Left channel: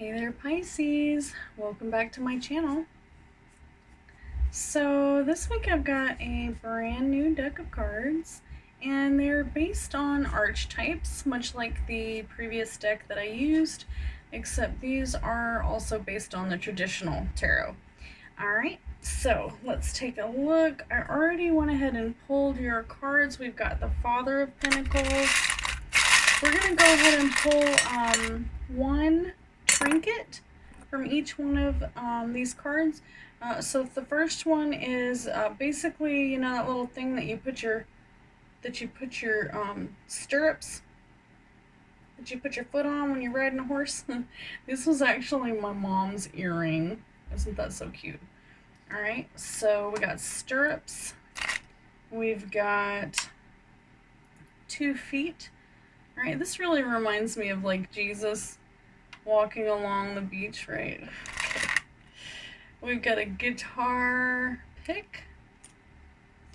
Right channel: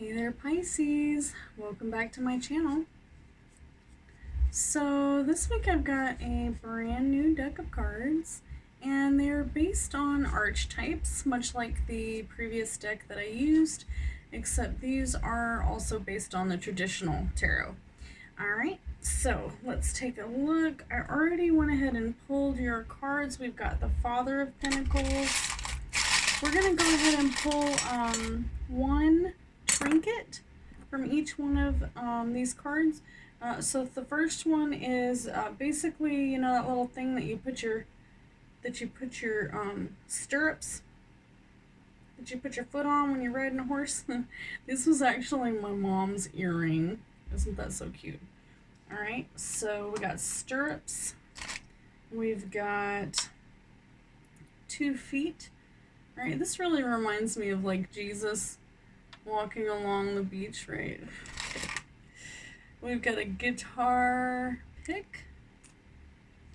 Hey there, Pisces. Welcome back to my channel. So this week I've got a brand new deck of cards, and they're based on archetypes, much like the previous deck that I used, except these are also based on the traditional tarot. Alright, so let's take a look. I already went ahead and pulled your cards. We've got the Father of Pentacles. We're going to go ahead and pull one trinket from each one of these cards. So the first one is basically, you know, that little thing that you put your stirrups, that you put your foot on when you're riding a horse. This was actually my mom's earring. Isn't that so cute? All right, so we got stirrups. We've got 2 feet. All right, this really reminds me of like Jesus walking along the beach, right? Okay. We've got a guitar pick,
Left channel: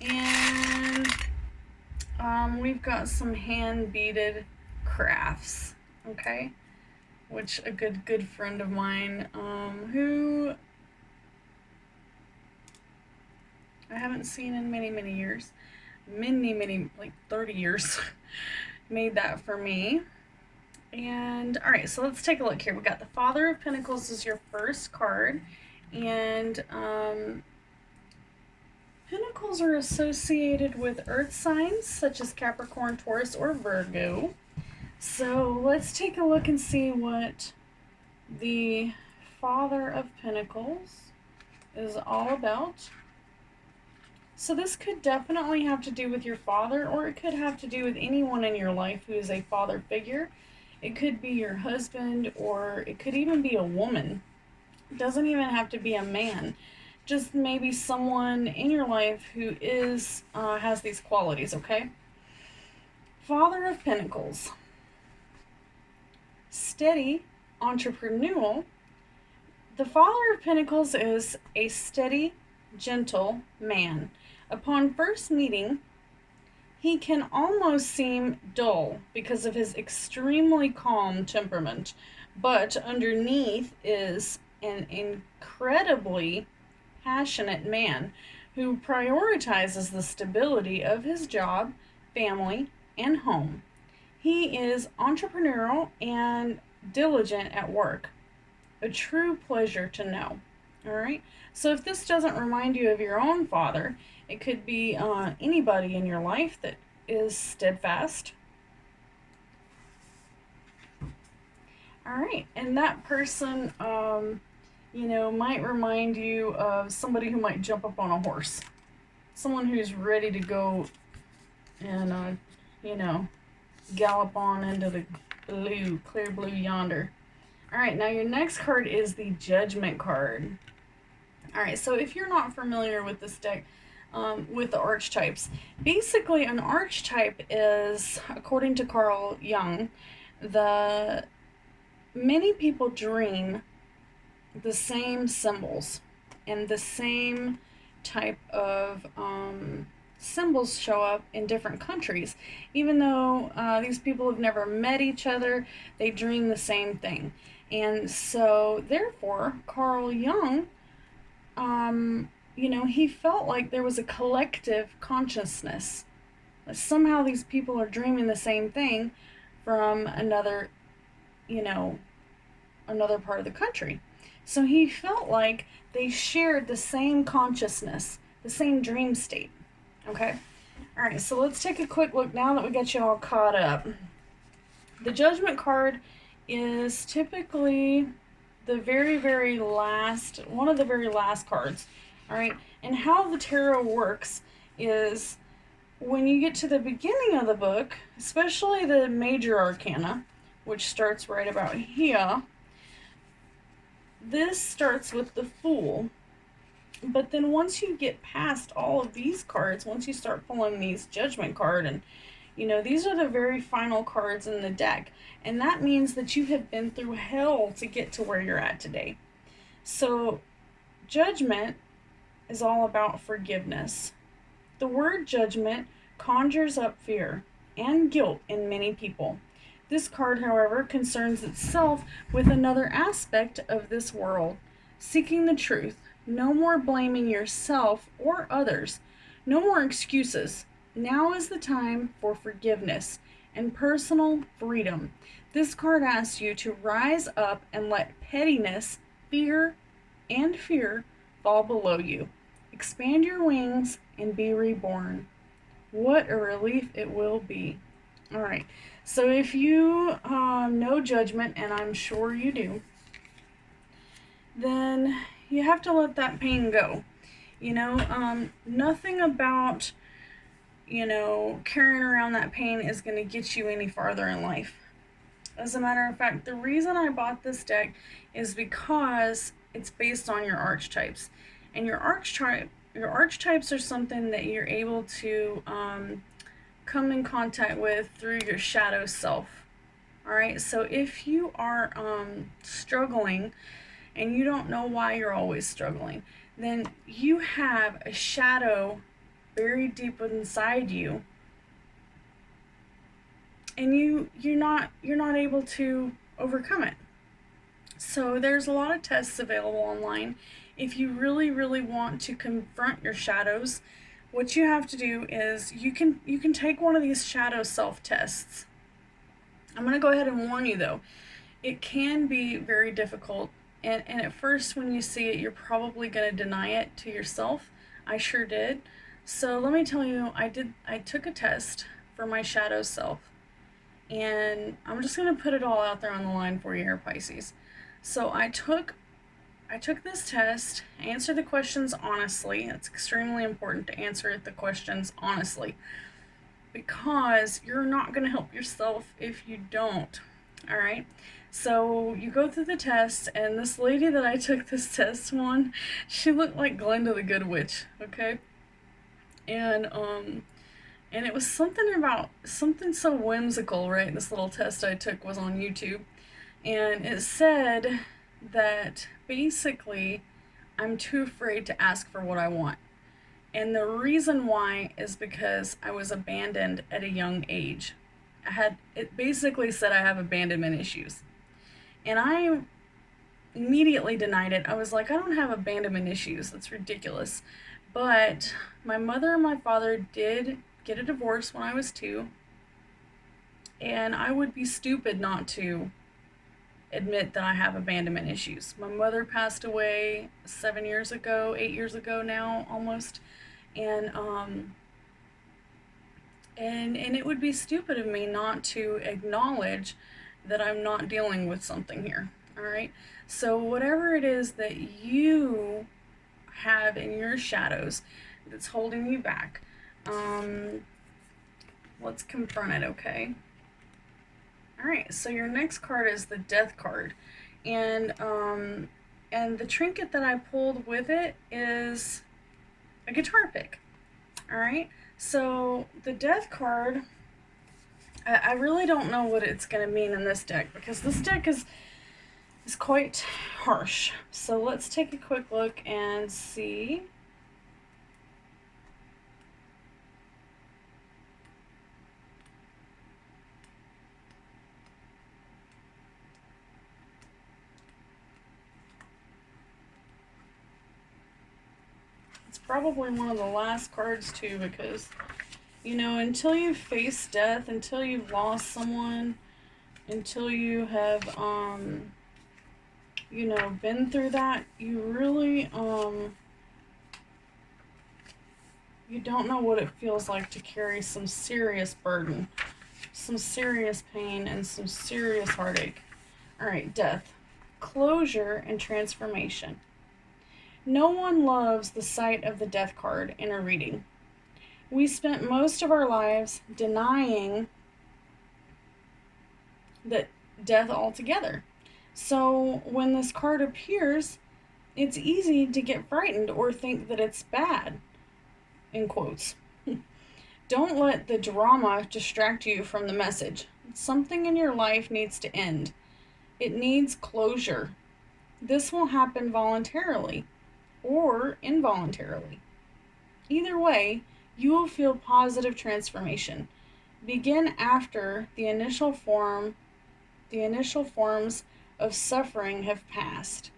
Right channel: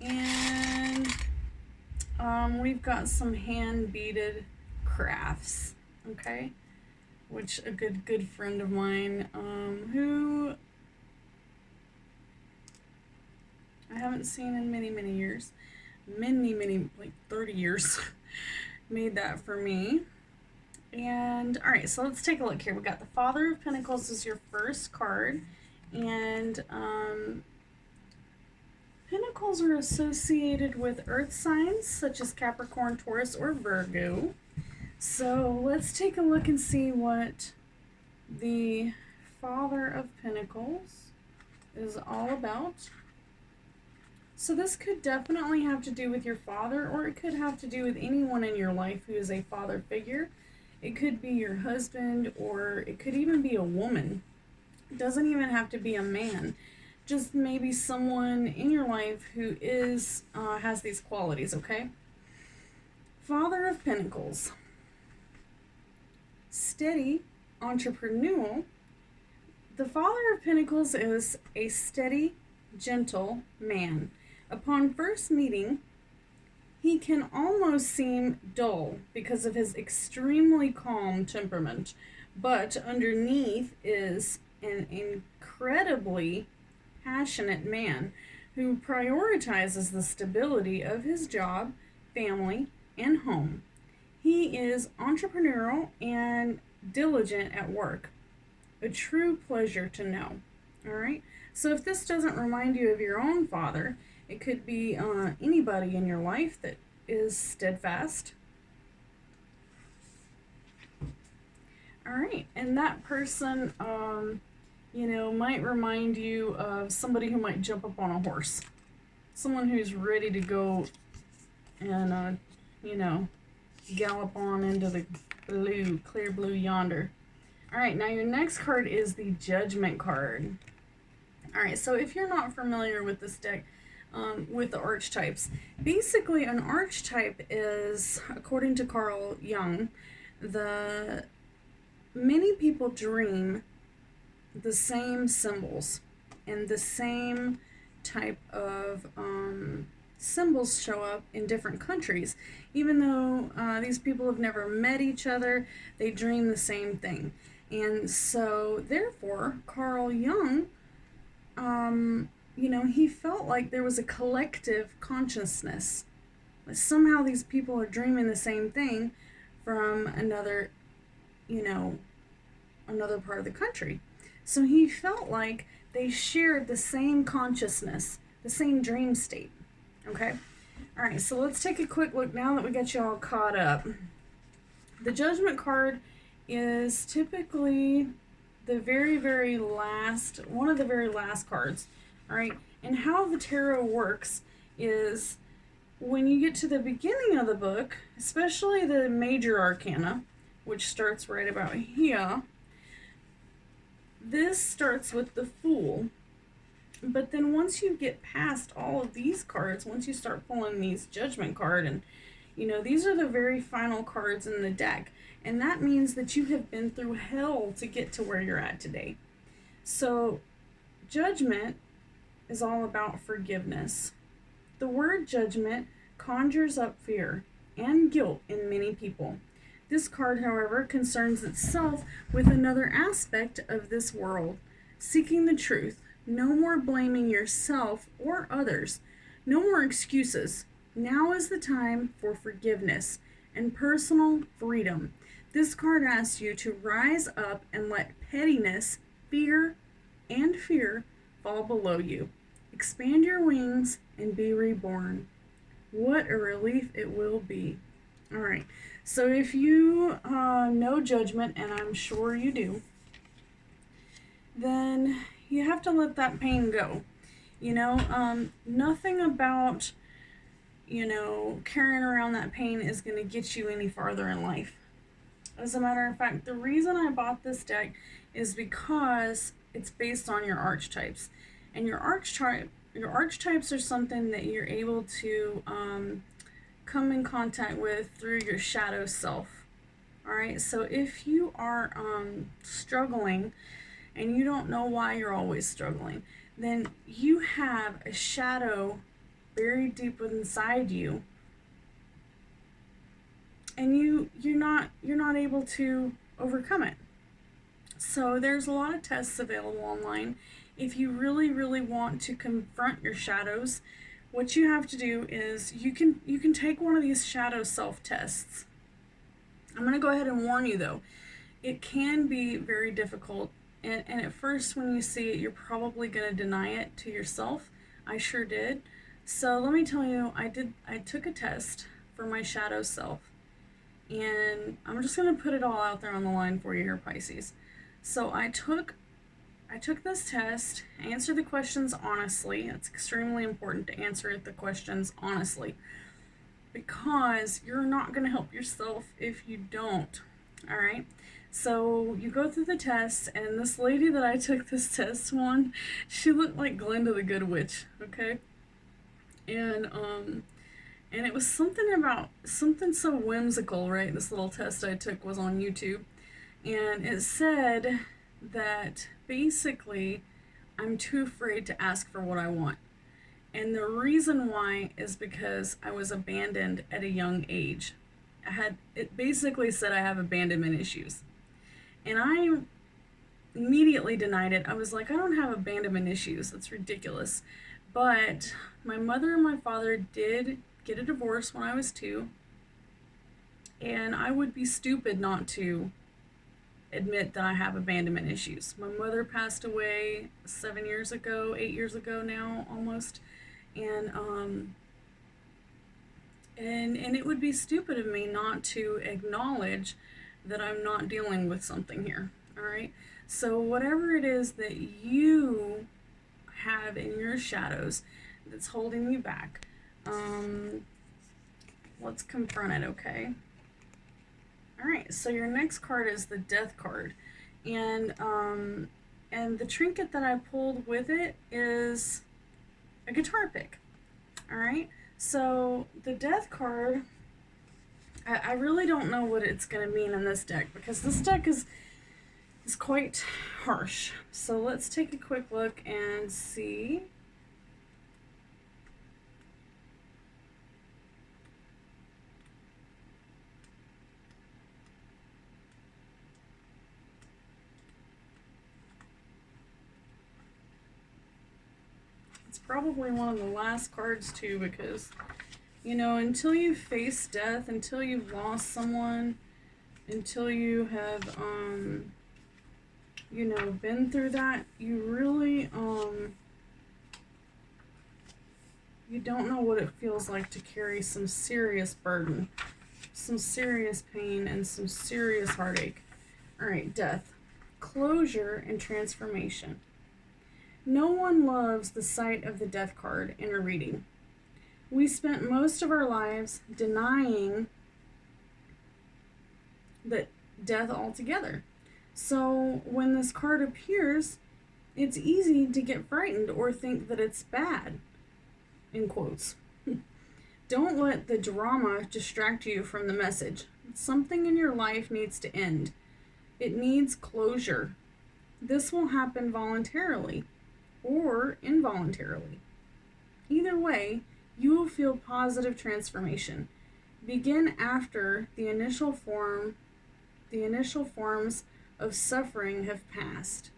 and we've got some hand beaded crafts, okay? Which a good friend of mine, who I haven't seen in many years, many like 30 years, made that for me. And all right, so let's take a look here. We got the Father of Pentacles is your first card, and Pentacles are associated with earth signs such as Capricorn, Taurus, or Virgo. So let's take a look and see what the Father of Pentacles is all about. So this could definitely have to do with your father, or it could have to do with anyone in your life who is a father figure. It could be your husband, or it could even be a woman. It doesn't even have to be a man. Just maybe someone in your life who is has these qualities, okay? Father of Pentacles. Steady, entrepreneurial. The Father of Pentacles is a steady, gentle man. Upon first meeting, he can almost seem dull because of his extremely calm temperament, but underneath is an incredibly passionate man who prioritizes the stability of his job, family, and home. He is entrepreneurial and diligent at work. A true pleasure to know. All right. So if this doesn't remind you of your own father, it could be anybody in your life that is steadfast. All right, and that person, you know, might remind you of somebody who might jump up on a horse. Someone who's ready to go and, you know, gallop on into the blue, clear blue yonder. All right, now your next card is the Judgment card. All right, so if you're not familiar with this deck, with the archetypes, basically an archetype is, according to Carl Jung, many people dream the same symbols, and the same type of symbols show up in different countries. Even though these people have never met each other, they dream the same thing. And so therefore Carl Jung, you know, he felt like there was a collective consciousness. Like somehow these people are dreaming the same thing from another, you know, another part of the country. So he felt like they shared the same consciousness, the same dream state. Okay? All right, so let's take a quick look now that we got you all caught up. The Judgment card is typically the very last, one of the very last cards. All right, and how the tarot works is when you get to the beginning of the book, especially the major arcana, which starts right about here, this starts with the Fool. But then once you get past all of these cards, once you start pulling these Judgment card, and you know, these are the very final cards in the deck, and that means that you have been through hell to get to where you're at today. So Judgment is all about forgiveness. The word judgment conjures up fear and guilt in many people. This card, however, concerns itself with another aspect of this world, seeking the truth. No more blaming yourself or others. No more excuses. Now is the time for forgiveness and personal freedom. This card asks you to rise up and let pettiness, fear fall below you. Expand your wings and be reborn. What a relief it will be. All right. So if you know judgment, and I'm sure you do, then you have to let that pain go. Nothing about, carrying around that pain is going to get you any farther in life. As a matter of fact, the reason I bought this deck is because it's based on your archetypes. And your archetypes are something that you're able to come in contact with through your shadow self. All right, so if you are struggling and you don't know why you're always struggling, then you have a shadow buried deep inside you, and you're not able to overcome it. So there's a lot of tests available online. If you really, really want to confront your shadows, what you have to do is you can take one of these shadow self tests. I'm going to go ahead and warn you though, it can be very difficult, and at first when you see it, you're probably going to deny it to yourself. I sure did. So let me tell you, I took a test for my shadow self, and I'm just going to put it all out there on the line for you here, Pisces. So I took this test, answer the questions honestly. It's extremely important to answer the questions honestly, because you're not going to help yourself if you don't. All right. So you go through the test, and this lady that I took this test on, she looked like Glenda the Good Witch. Okay. And it was something so whimsical, right? This little test I took was on YouTube, and it said that basically I'm too afraid to ask for what I want. And the reason why is because I was abandoned at a young age. It basically said I have abandonment issues. And I immediately denied it. I was like, I don't have abandonment issues. That's ridiculous. But my mother and my father did get a divorce when I was 2. And I would be stupid not to admit that I have abandonment issues. My mother passed away 8 years ago now, almost. And it would be stupid of me not to acknowledge that I'm not dealing with something here. All right. So whatever it is that you have in your shadows that's holding you back, let's confront it. Okay. All right. So your next card is the Death card, and the trinket that I pulled with it is a guitar pick. All right. So the Death card, I really don't know what it's going to mean in this deck, because this deck is quite harsh. So let's take a quick look and see. It's probably one of the last cards too, because until you face death, until you've lost someone, until you have been through that, you really you don't know what it feels like to carry some serious burden, some serious pain, and some serious heartache. All right, death, closure, and transformation. No one loves the sight of the Death card in a reading. We spent most of our lives denying that death altogether. So when this card appears, it's easy to get frightened or think that it's bad, in quotes. Don't let the drama distract you from the message. Something in your life needs to end. It needs closure. This will happen voluntarily or involuntarily. Either way, you will feel positive transformation. begin after the initial forms of suffering have passed.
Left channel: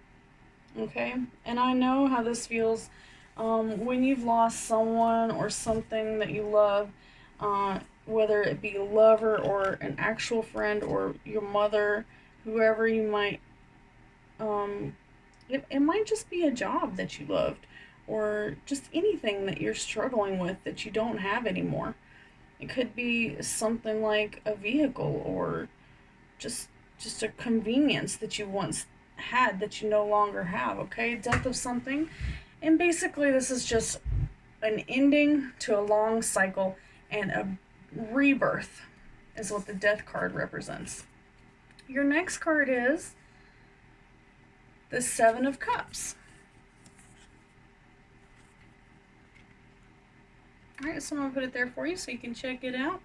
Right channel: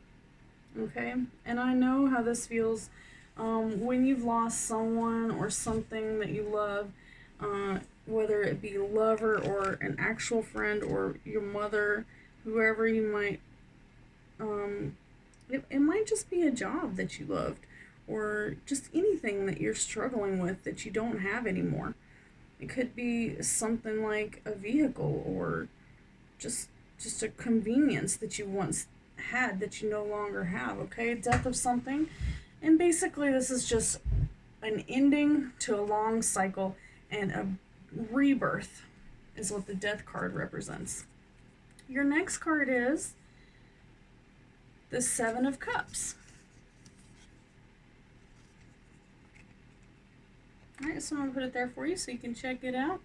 Okay? And I know how this feels when you've lost someone or something that you love, whether it be a lover or an actual friend or your mother, whoever you might, it might just be a job that you loved or just anything that you're struggling with that you don't have anymore. It could be something like a vehicle or just a convenience that you once had that you no longer have, okay? Death of something. And basically this is just an ending to a long cycle and a rebirth is what the death card represents. Your next card is the Seven of Cups. Alright, so I'm going to put it there for you so you can check it out.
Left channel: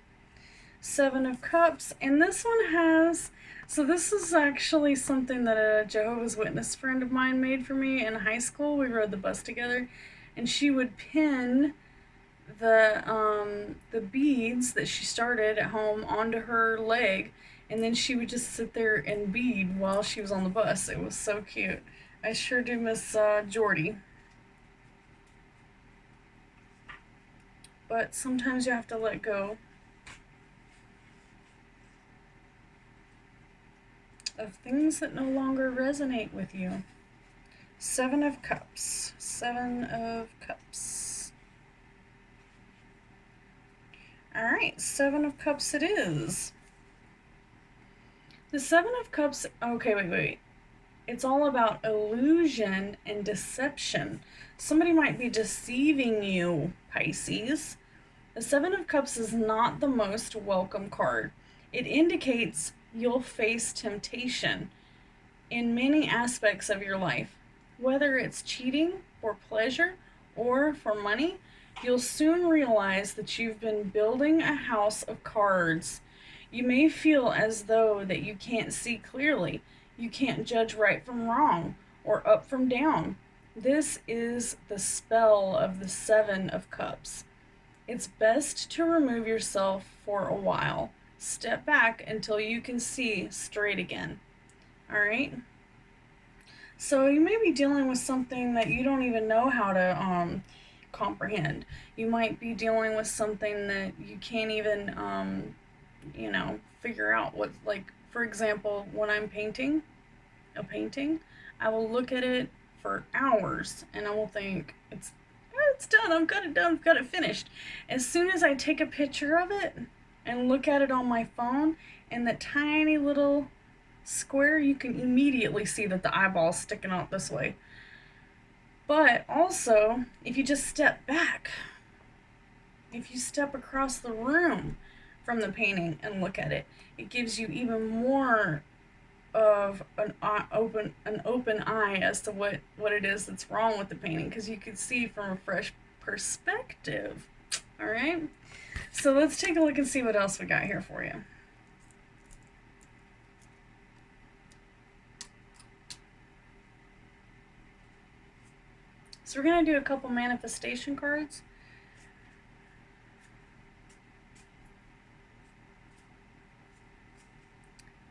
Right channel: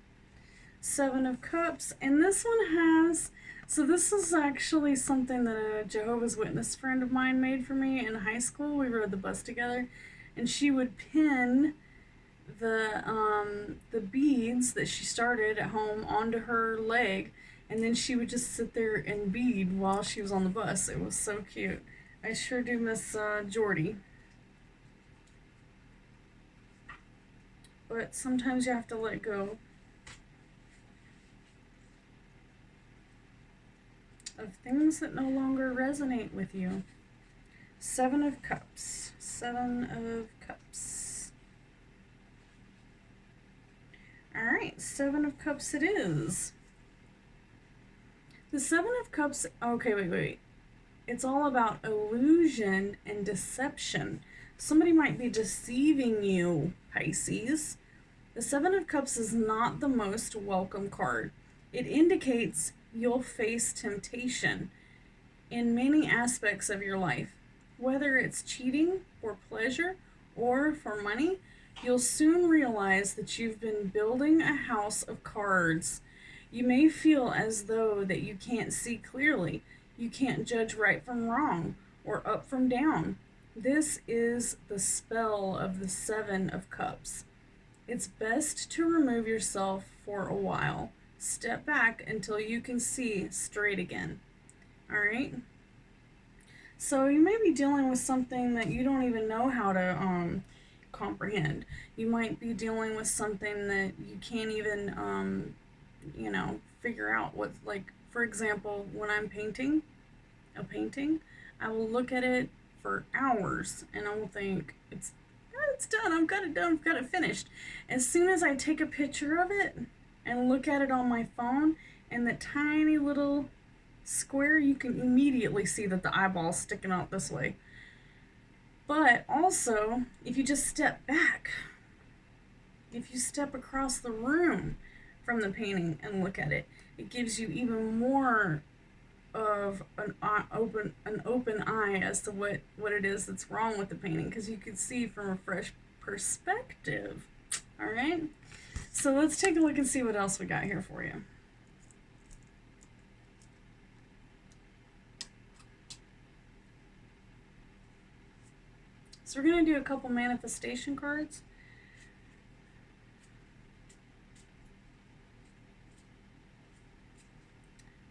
Seven of Cups. And this one has... So this is actually something that a Jehovah's Witness friend of mine made for me in high school. We rode the bus together. And she would pin the beads that she started at home onto her leg. And then she would just sit there and bead while she was on the bus. It was so cute. I sure do miss Jordy. But sometimes you have to let go of things that no longer resonate with you. Seven of Cups. Seven of Cups. Alright, Seven of Cups it is. The Seven of Cups... Okay, wait. It's all about illusion and deception. Somebody might be deceiving you, Pisces. The Seven of Cups is not the most welcome card. It indicates you'll face temptation in many aspects of your life. Whether it's cheating for pleasure or for money, you'll soon realize that you've been building a house of cards. You may feel as though that you can't see clearly. You can't judge right from wrong or up from down. This is the spell of the Seven of Cups. It's best to remove yourself for a while. Step back until you can see straight again. Alright? So you may be dealing with something that you don't even know how to comprehend. You might be dealing with something that you can't even, figure out what, like, for example, when I'm painting a painting, I will look at it for hours and I will think, it's done, I've got it done, I've got it finished. As soon as I take a picture of it and look at it on my phone, in the tiny little square, you can immediately see that the eyeball's sticking out this way. But also, if you just step back, if you step across the room from the painting and look at it, it gives you even more of an open eye as to what it is that's wrong with the painting, because you can see from a fresh perspective. All right, so let's take a look and see what else we got here for you. So we're going to do a couple manifestation cards.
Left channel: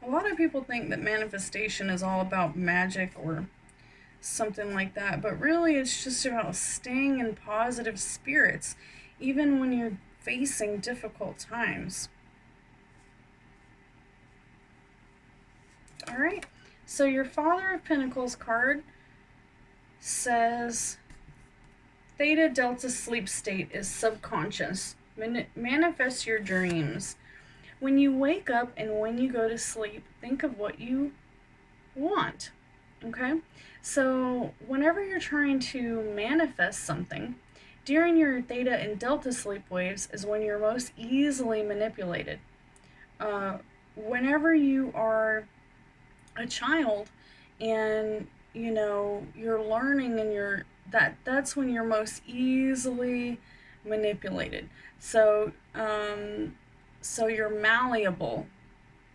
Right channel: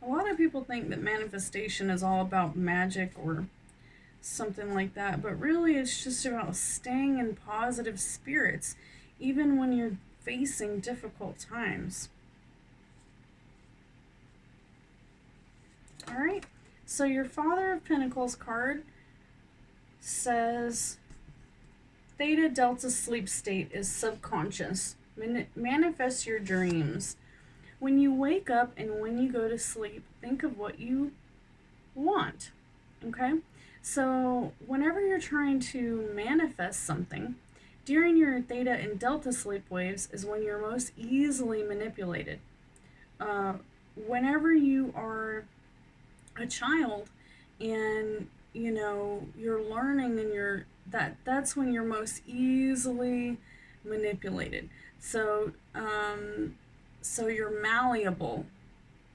A lot of people think that manifestation is all about magic or something like that, but really it's just about staying in positive spirits, even when you're facing difficult times. All right, so your Father of Pentacles card says Theta Delta sleep state is subconscious. Manifest your dreams. When you wake up and when you go to sleep, think of what you want, okay? So whenever you're trying to manifest something, during your theta and delta sleep waves is when you're most easily manipulated. Whenever you are a child and, you're learning and that's when you're most easily manipulated. So you're malleable.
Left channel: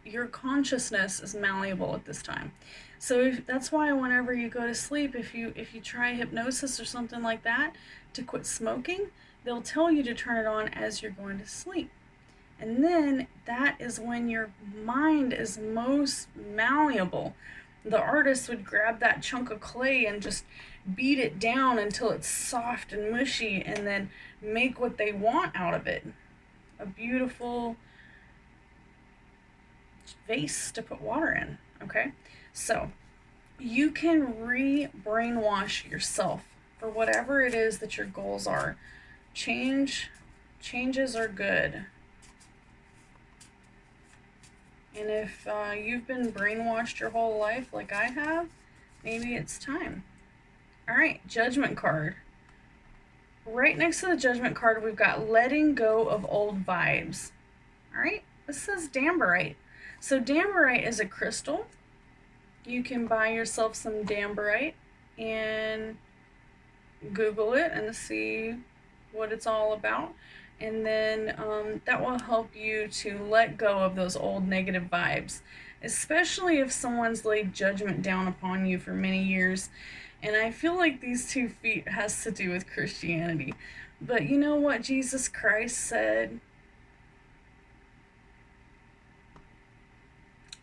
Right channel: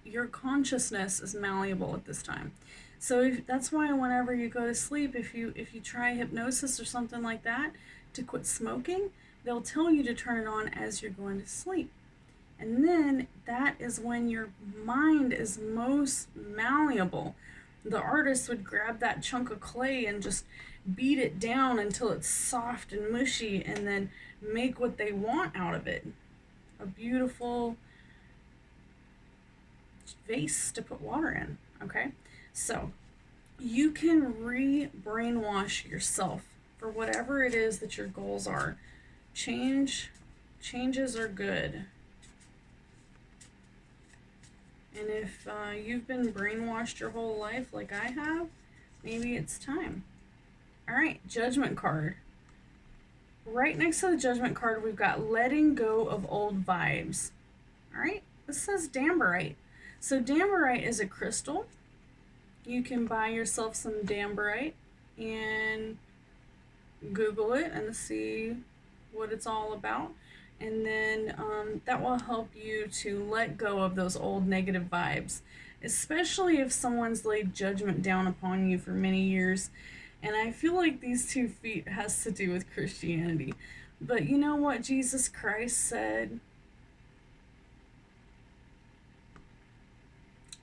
Your consciousness is malleable at this time. So that's why whenever you go to sleep, if you try hypnosis or something like that to quit smoking, they'll tell you to turn it on as you're going to sleep. And then that is when your mind is most malleable. The artist would grab that chunk of clay and just beat it down until it's soft and mushy, and then make what they want out of it. A beautiful vase to put water in. Okay, so you can re-brainwash yourself for whatever it is that your goals are. Changes are good. And if you've been brainwashed your whole life like I have, maybe it's time. All right, Judgment card. Right next to the Judgment card, we've got letting go of old vibes. All right, this says Damberite. So Damberite is a crystal. You can buy yourself some Damberite and Google it and see what it's all about. And then that will help you to let go of those old negative vibes, especially if someone's laid judgment down upon you for many years. And I feel like these 2 feet has to do with Christianity. But you know what Jesus Christ said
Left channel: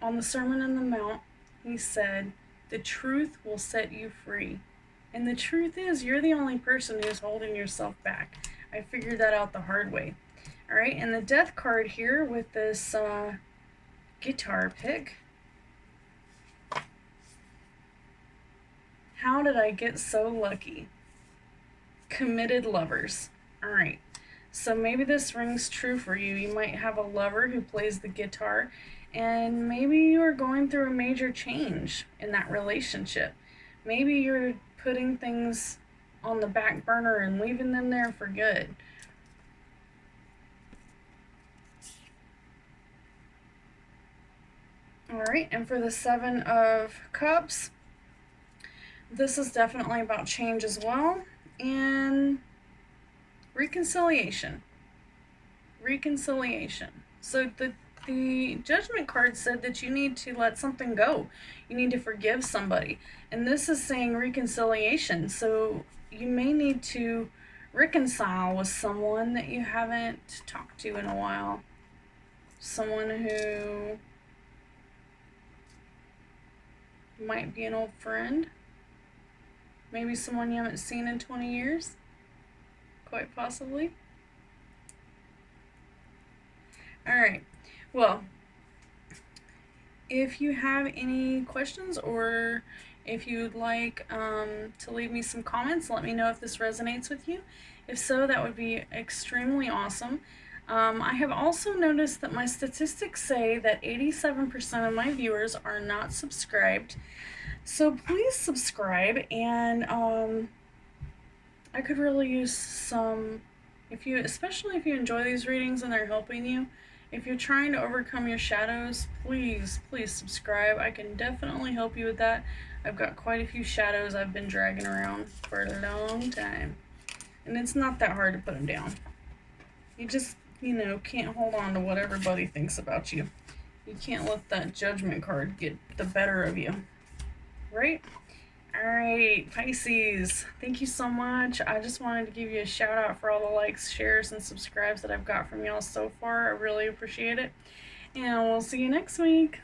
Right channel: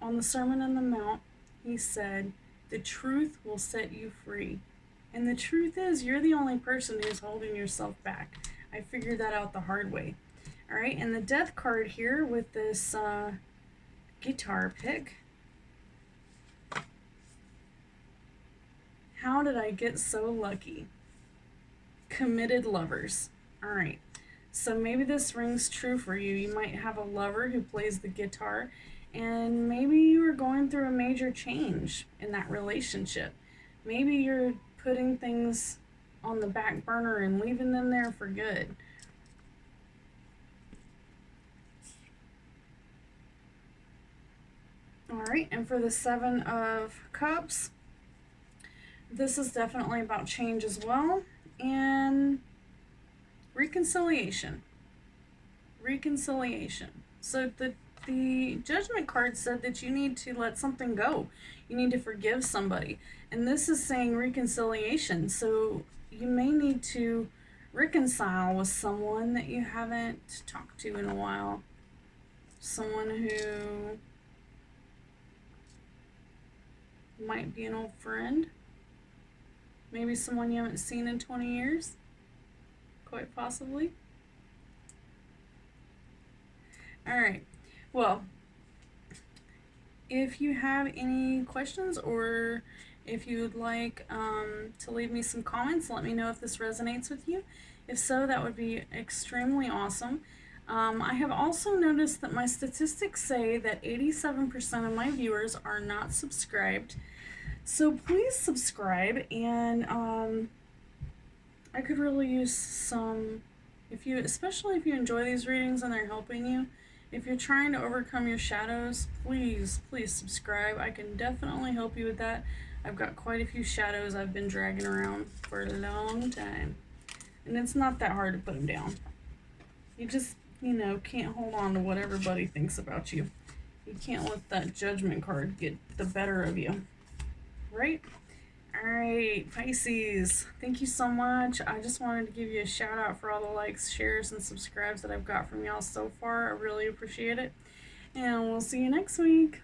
on the Sermon on the Mount? He said, "The truth will set you free." And the truth is, you're the only person who's holding yourself back. I figured that out the hard way. All right, and the Death card here with this guitar pick. How did I get so lucky? Committed lovers. All right, so maybe this rings true for you. You might have a lover who plays the guitar, and maybe you are going through a major change in that relationship. Maybe you're putting things on the back burner and leaving them there for good. All right, and for the 7 of Cups, this is definitely about change as well, and reconciliation. So the Judgment card said that you need to let something go. You need to forgive somebody. And this is saying reconciliation. So you may need to reconcile with someone that you haven't talked to in a while. Someone who might be an old friend. Maybe someone you haven't seen in 20 years. Quite possibly. All right. Well, if you have any questions, or if you would like to leave me some comments, let me know if this resonates with you. If so, that would be extremely awesome. I have also noticed that my statistics say that 87% of my viewers are not subscribed. So please subscribe, and I could really use some, especially if you enjoy these readings and they're helping you. If you're trying to overcome your shadows, please subscribe. I can definitely help you with that. I've got quite a few shadows I've been dragging around for a long time. And it's not that hard to put them down. You just, can't hold on to what everybody thinks about you. You can't let that Judgment card get the better of you. Right? Alright, Pisces, thank you so much. I just wanted to give you a shout out for all the likes, shares, and subscribes that I've got from y'all so far. I really appreciate it. And we'll see you next week.